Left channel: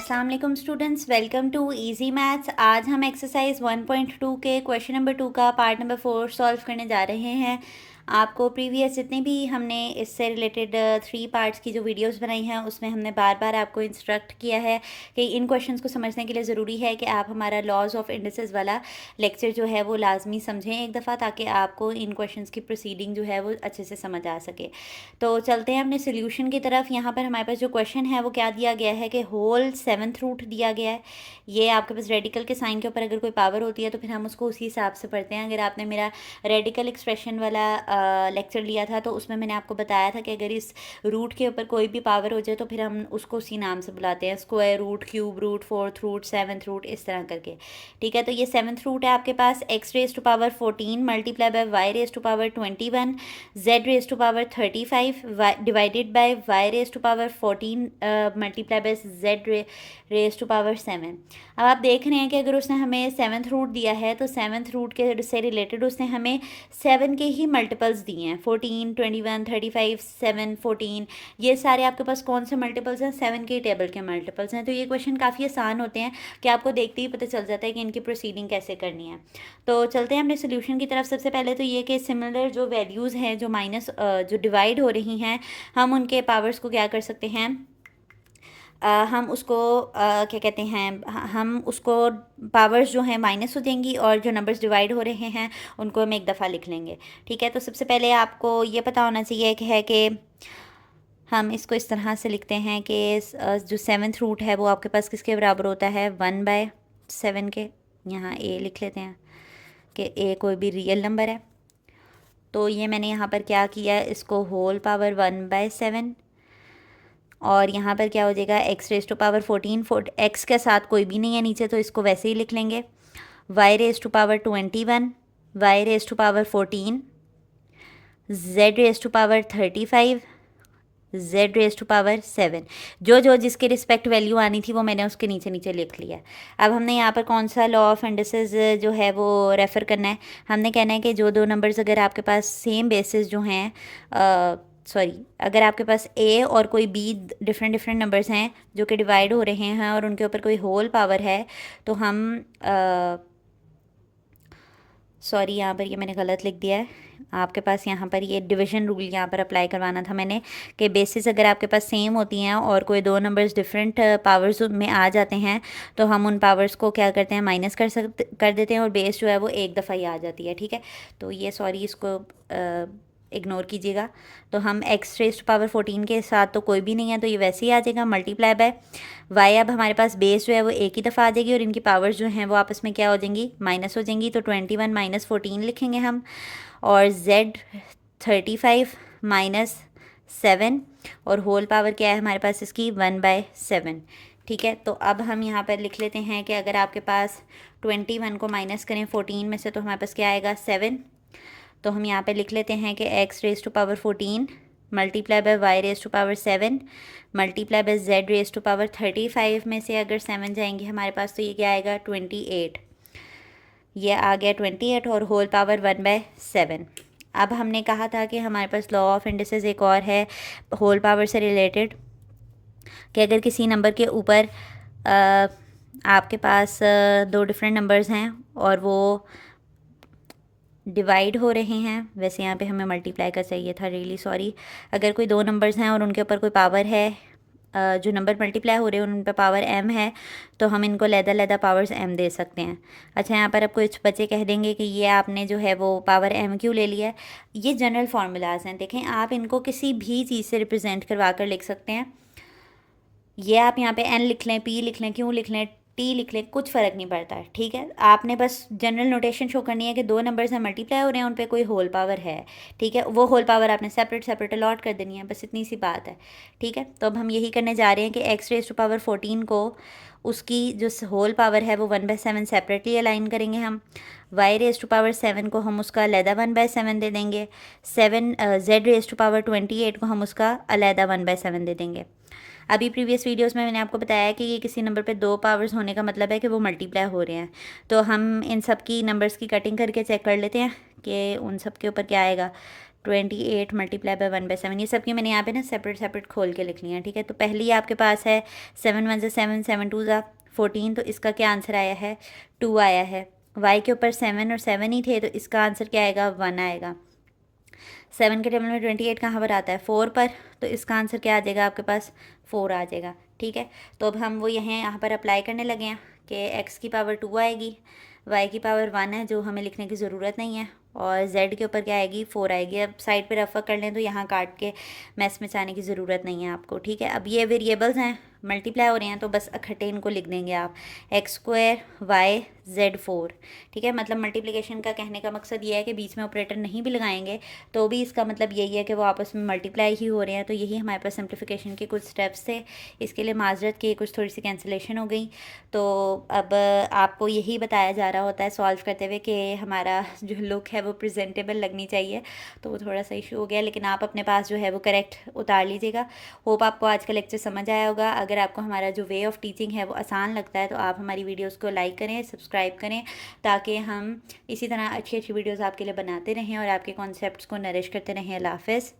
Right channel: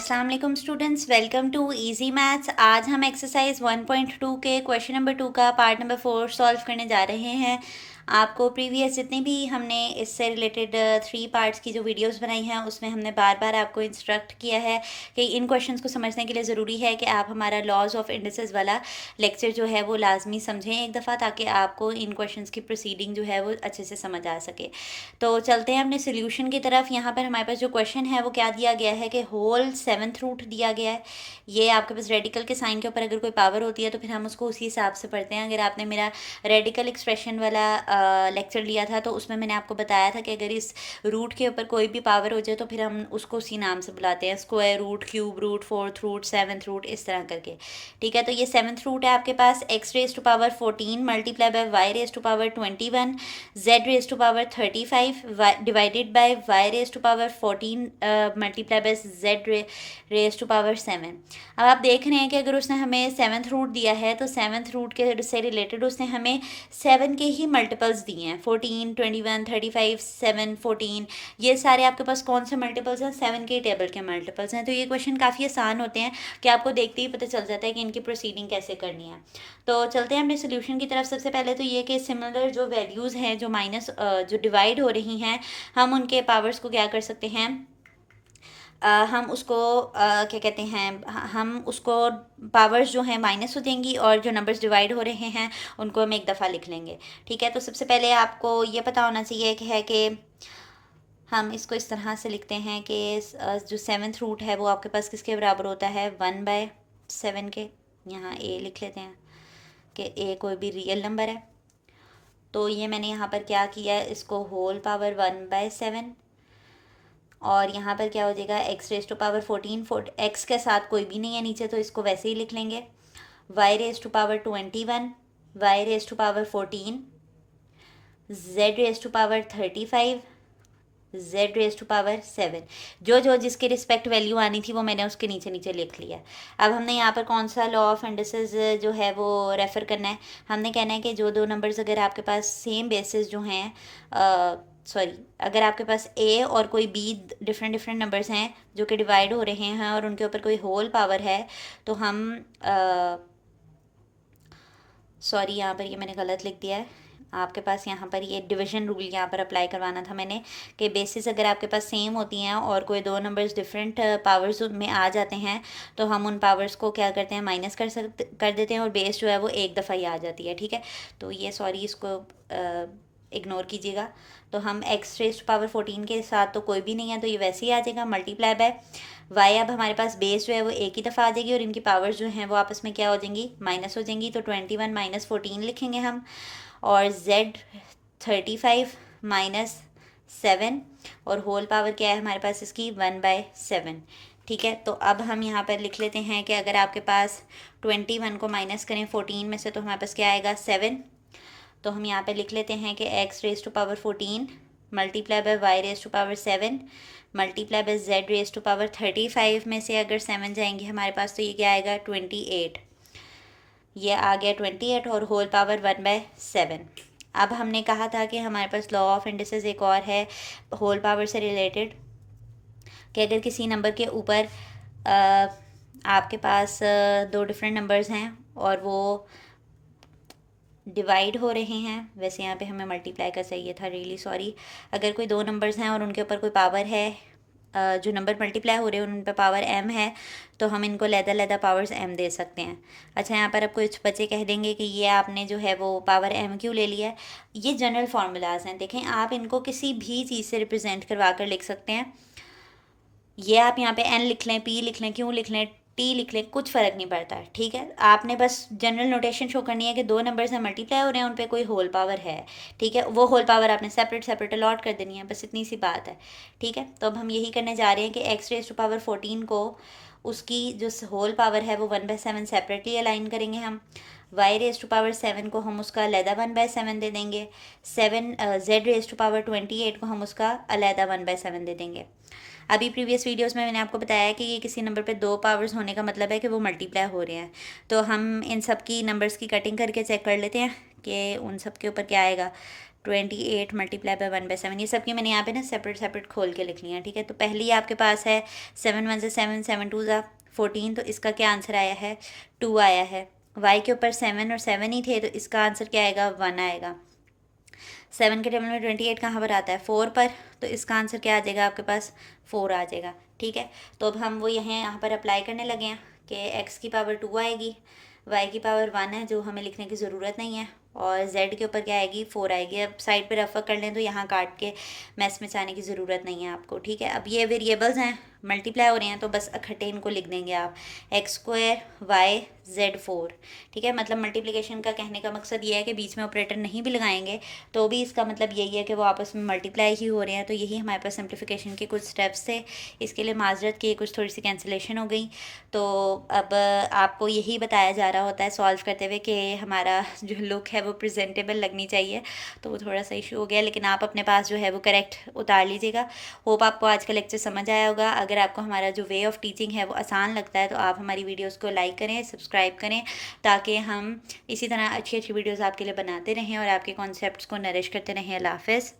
अस्सलाम वालेकुम students, welcome to easy maths. आज हम एक्सरसाइज 1.2 के क्वेश्चन नंबर 2 का पार्ट नंबर 4 सॉल्व करने जा रहे हैं। आपको प्रीवियस जितनी भी हमने इससे रिलेटेड 3 पार्ट्स की जो वीडियोस बनाई हैं उसमें हमने बार बार आपको इंस्ट्रक्ट किया है कि इन क्वेश्चंस को समझने के लिए ज़रूरी है कि आप हमारा लॉज ऑफ इंडिसेस वाला लेक्चर जो है वो लाजमी समझें एक दफ़ा, ताकि आपको इन क्वेश्चंस की प्रोसीडिंग जो है वो अच्छे से समझ आ सके। तो चलते हैं अपने सोल्यूशन की तरफ। यहाँ पर हमारे पास जो क्वेश्चन है वो क्या दिया गया है कि होल 7th रूट दिया गया है। ये आपके पास रेडिकल के साइन के ऊपर अगर कोई पावर होती है तो फिर हम उसको उसी हिसाब से पढ़ते हैं। अगर आपने मेरा रेडिकल एक्सप्रेशन वाला लेक्चर लिया था तो उसमें मैंने आपको बताया था कि अगर इस रूट के ऊपर कोई भी पावर हो जाए तो फिर हम उसको उसी नाम से बुलाते हैं, square root, cube root, 4th root, 7th root, इस तरह करके। ठीक है, तो ये 7th रूट है आपके पास। X raise to power 14 multiply by Y raise to power 21 z raise to power 35 divided by y raise to power 14 multiply by z raise to power 7। अब आप देख रहे हैं कि अगर उसने हमें 7th रूट दिया है तो 7th रूट के से रिलेटेड उसने हमें 7 के ही मल्टीपल्स दिए हैं, 14, 21, 35, 7, 14। ये सारे आपके पास कौन से मल्टीपल्स हैं? 7 के टेबल के मल्टीपल्स हैं। तो ये क्वेश्चन काफ़ी आसान होते हैं कि आपको देखते ही पता चल जाता है कि इनकी प्रोसीडिंग कैसे करनी है। तो चलते हैं अपने सोल्यूशन की तरफ। सबसे पहले तो ये कि सिमिलर जो वैल्यूज़ हैं, जो माइनस जो डिवाइड हो रही हैं, हम उनके पावर्स को क्या कर सकते हैं, हम उसको क्या कहते हैं, हम उसको पावर्स जो हैं माइनस हो देंगी और जो नंबर्स डिवाइड हो रहे हैं उनको हम एक दफ़ा लिख लेंगे। ठीक है, तो सबसे पहले आपको ये पता होना चाहिए कि हम इसको इस तरह से लिखते हैं कि जो 7th रूट है वो आपके पास किसके बराबर होता है? 1/7 के। यहाँ ए लिख लेते हैं कि ए कोई भी रियल नंबर है। तो ये मैंने यहाँ पर क्या किया, इसको होल पावर 1/7, और यहाँ पर क्या हो जाएगा, X raise to power 14, X के साथ कोई भी नहीं है नीचे तो इसको वैसे ही लिख लेंगे। Y raise to power 21, Y raise to power 14, Z raise to power 35, Z raise to power 7। जो जो जिसके रिस्पेक्ट वैल्यू आनी थी वो मैंने उसके नीचे नीचे लिख लिया। अब हमने यहाँ पर कौन सा लॉ ऑफ इंडिसेस जो है वो रेफ़र करना है। हमने कहना है कि जो दो नंबर्स अगर आपके पास सेम बेसिस जो हैं, सॉरी, अगर आपके पास ए और कोई बी डिफरेंट डिफरेंट नंबर्स हैं जो कि डिवाइड हो रहे हैं और उनके ऊपर कोई होल पावर है, तो हम सॉरी, यहाँ पर ये मैंने गलत लिख दिया है। आपके पास यहाँ पर ये डिवीजन रूल यहाँ पर अप्लाई करवाना था मैंने, कि बेसिस अगर आपके पास सेम होती हैं और कोई दो नंबर्स डिफरेंट पावर्स में आ जाते हैं तो हम उन पावर्स को क्या करते हैं, माइनस कर देते हैं और बेस जो है वो एक दफ़ा ही आ जाती है। ठीक है, तो ये सॉरी, इसको इग्नोर कीजिएगा। तो हम एक्स रेज टू पावर 14 के साथ तो कोई भी नहीं है तो ये वैसे ही आ जाएगा, मल्टीप्लाई बाय वाई। अब हमारे पास बेस जो है वो एक ही दफ़ा आ जाएगी और इनकी पावर्स जो हैं वो आपस में क्या हो जाएंगी, माइनस हो जाएंगी। तो 21 माइनस 14 लिखेंगे हम, और z 35 माइनस 7, और होल पावर क्या है हमारे पास इसकी, 1/7। ठीक है, तो अब हम यहाँ पर लिख लेते हैं कि अगर आपके पास 21 को माइनस करें 14 में से तो हमारे पास क्या आएगा, 7। तो हम यहाँ पे लिख लेते हैं कि X raise to power 14 multiply by Y raise to power 7 multiply by Z raise to power 35 में से अगर 7 जाएंगे हमारे पास तो ये क्या आएगा, 28। ये आ गया 28 और होल पावर 1/7। अब हमने कहा था कि हमारे पास लॉ ऑफ इंडिसेस एक और है होल पावर से रिलेटेड, कि अगर किसी नंबर के ऊपर आपके पास दो डिफरेंट नंबर्स हैं और वो डिवाइड हो रहे हैं, वैसे यहाँ पे हमें मल्टीप्लाई का चाहिए था, रियली सॉरी। अगर कोई दो नंबर्स हैं और उनके ऊपर कोई पावर है, जो नंबर मल्टीप्लाई हो रहे हैं उन पर पावर m है, तो हम इनको लैदा पावर्स m दे सकते हैं। अच्छा, यहाँ पर अब कुछ बच्चे कह देंगे कि ये आपने जो है वो पावर m क्यों ले लिया है। ये जनरल फार्मूलाज हैं, देखें आप इनको किसी भी चीज़ से रिप्रेजेंट करवा कर लिख सकते हैं। ये आप यहाँ पे n लिख लें, p लिख लें, q लिख लें, t लिख लें, कुछ फ़र्क नहीं पड़ता है। ठीक है, आपने बस जनरल नोटेशन शो करनी है कि दो नंबर्स हैं मल्टीप्लाई हो रहे हैं, उन पे कोई होल पावर है। ठीक है, वो होल पावर आपने सेपरेट सेपरेट अलॉट कर देनी है, बस इतनी सी बात है। ठीक है, तो अब हम यही करने जा रहे हैं कि एक्स रेज टू पावर 14 को उसकी जो होल पावर है वो 1/7 सेपरेटली अलाइन करेंगे हम। वाई रेज टू पावर 7 को हम उसका अलहदा 1/7 दे देंगे। जेड रेज टू पावर 28 को हम उसका अलहदा 1/7 दे देंगे। अभी प्रीवियस वीडियोस में मैंने आपको बताया कि ये किसी नंबर पे दो पावर्स होने का मतलब है कि वो मल्टीप्लाई हो रहे हैं। तो हम इन सब की नंबर्स की कटिंग करके चेक कर लेते हैं कि उन सब के ऊपर क्या आएगा। 28 मल्टीप्लाई बाय 1/7, ये सबकी मैंने यहाँ पे ना सेपरेट सेपरेट खोल के लिख लिया, ठीक है। तो पहली आपके पास है 7 1 7, 7 2 14, तो इसका क्या आंसर आया है 2 आया है। y के ऊपर 7 और 7 ही थे, तो इसका आंसर क्या आएगा 1 आएगा। 7 के टेबल में 28 कहाँ पर आता है 4 पर, तो इसका आंसर क्या आ जाएगा आपके पास 4 आ जाएगा, ठीक है। तो अब हम वो यहाँ पर अप्लाई करने लगे हैं कि x की पावर 2 आएगी, y की पावर 1 है जो हमें लिखने की ज़रूरत नहीं है, और z के ऊपर क्या आएगी 4 आएगी। अब साइड पे रफा कर लें तो यहाँ काट के मैस में जाने की ज़रूरत नहीं है आपको, ठीक है। अब ये वेरिएबल्स हैं, मल्टीप्लाई हो रहे हैं, तो बस इकट्ठे इनको लिख देंगे आप x² y z 4, ठीक है। मतलब मल्टीप्लिकेशन का कहने का मकसद ये है कि बीच में ऑपरेटर नहीं भी लगाएंगे तो भी इसका मतलब यही है कि वो आपस में मल्टीप्लाई ही हो रहे हैं। तो यही हमारे पास सिंप्लीफिकेशन के कुछ स्टेप्स थे, इसके लिए माजरत की कुछ थोड़ी सी कैंसिलेशन हो गई। तो अब आपको यही बताया जा रहा होता है सॉल्व करते हुए कि हमारा जो लुक है वो प्रेजेंटेबल लगनी चाहिए, तो वो थोड़ा सा इशू हो गया, लेकिन आप अपने पास जो है वो करेक्ट उतार लीजिएगा। होप आपको आज का लेक्चर समझ आया होगा। अगर आपको हमारा जो वे ऑफ़ टीचिंग है वो आसान लगता है तो आप हमारी वीडियोज़ को लाइक करें, सब्सक्राइब करें, ताकि हम इसी तरह अच्छी अच्छी वीडियोज़ आपके लिए बनाते रहें और आपके कॉन्सेप्ट्स को नरिश करते रहें। अल्लाह हाफ़िज़।